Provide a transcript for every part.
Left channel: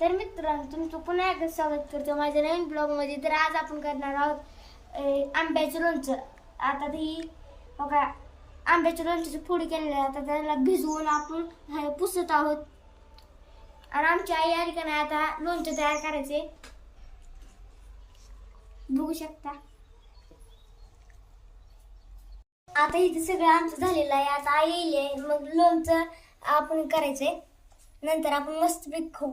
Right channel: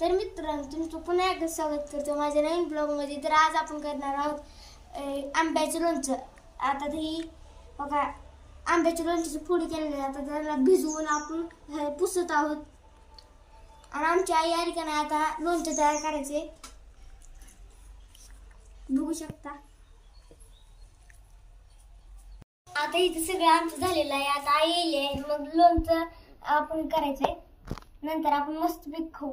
तर मित्रांनो, तुमचं पुन्हा एकदा स्वागत करतो माझ्या नवीन ब्लॉगमध्ये. तर आज आपण करणार आहोत आंब्याचं लोणचं. आता ही बघा, आंब्याच्या लोणच्याची फोडी केलेली आहे. आता त्याला भिजवून आपण हे पुसत आहोत. आणि आमची आई आली का नाही आता लोणचं तयार करायचे, बघू शकता. आता इथे सगळं आमचं झालेलं आहे. आता आई येईल, मग लोणचं आपण करायचंय. नंतर आपण मस्त पीक खाऊ.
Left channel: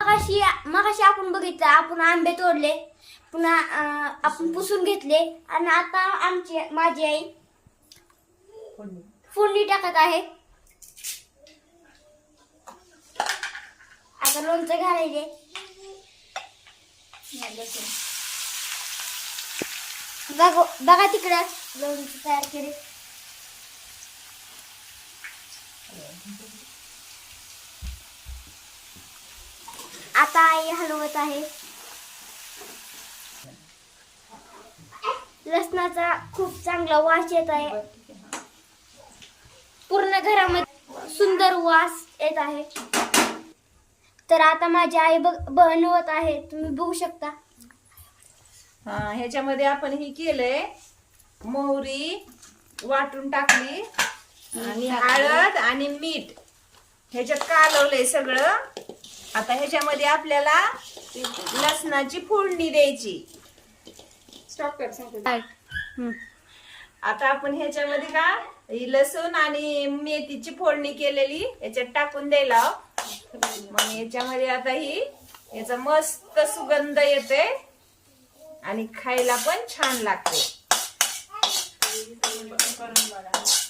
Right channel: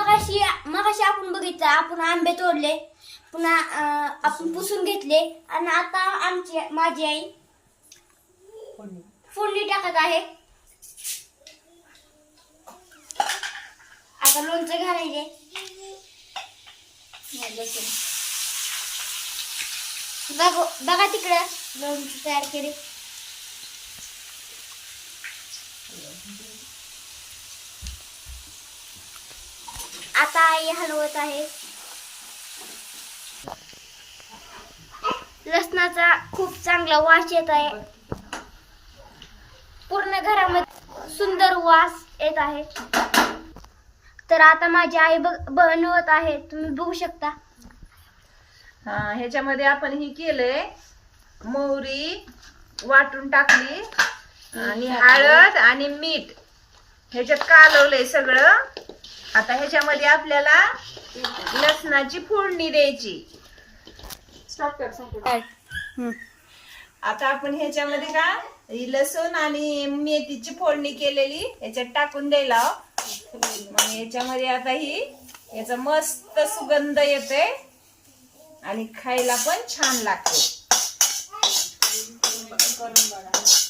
मगाशी आपण बघितलं, आपण आंबे तोडले, पुन्हा आपण पुसून घेतले आणि आता माझी आई फोडणी टाकत आहे. आता लोणचं घालायचे. बघा तिकडं लोणचं तयार केले. आता आई हलवत आहे. लसणाचा खूप चांगला वास येत आहे. पूर्ण घरामध्ये सुंदर वास येत आहे. तर आता माझी आई बनवत आहे, तुम्ही बघू शकता. ह्याच्यामध्ये आपण ही केलंय, मोहरी वाटून टाकली आणि हळद आणि मीठ ह्याच्यात कालवलंय सगळं. आता ह्याच्यामध्ये आपल्याला लसणाची फोडणी द्यायची. आता आपण ह्याच्यामध्ये का लसूण आणि मेथीची फोडणी केलेली ह्याच्यात टाकून द्यायला. मग याच्यामध्ये आता ही याचा मस्त सुगंध येते आणि खायला पण छान लागते.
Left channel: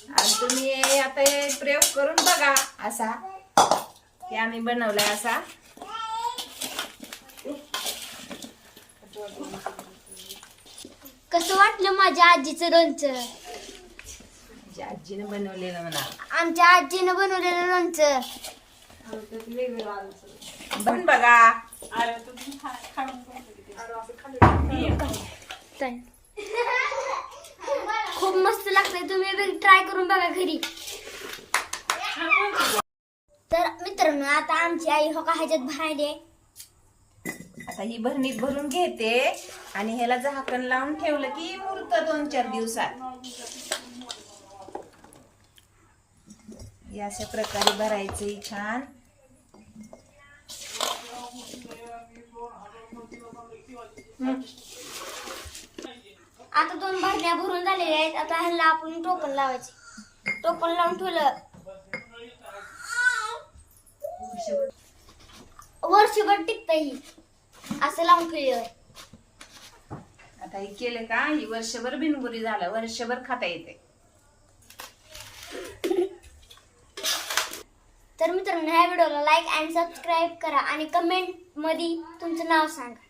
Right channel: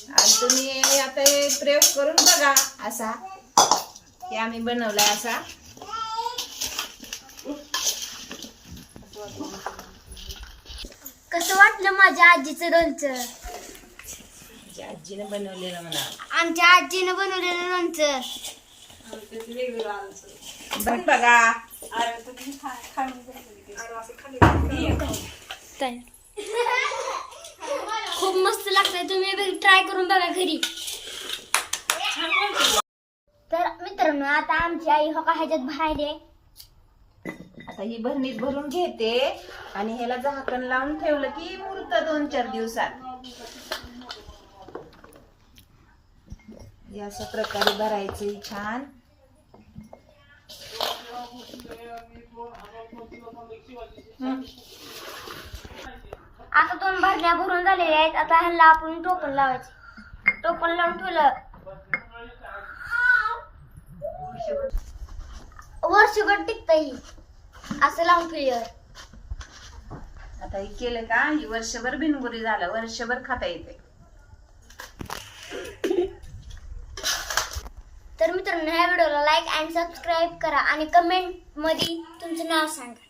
आणि तुम्ही आता हे प्रयोग करून बघा असा की आम्ही बनवला असा. कसं वाटलं माझ्या आजीचं लोणचं? आजीने बनवलेलं म्हणा. आमच्या आजीने बनवलेलं लोणचं पण बघा. खूप मस्त लागतंय. तुम्ही ट्राय करून बघा घरी. तर मित्रांनो, आता आमची आई हो का ह्याच्यात भरायले. आता ही भरणीत भरून घेते आणि ह्याला झाकण लावून ठेवलं की मुरतं 2-4 दिवसात. अशा प्रकारे भरायचं छान. आता 2 भरण्या भरून झालेल्या आहेत. आता ह्याला आपण टोपण लावायचे. टोपण लावून ठेवलं वर्षभर टिकतही असं लावून ठेवलं. आता हे केलं का ही वर्षभर बिनगुरी झालं, वर्षभर खाता येते. तर मित्रांनो, ह्या व्हिडिओला लाईक आणि सबस्क्राईब करा आणि कमेंट मध्ये तुमचं नाव सांगा.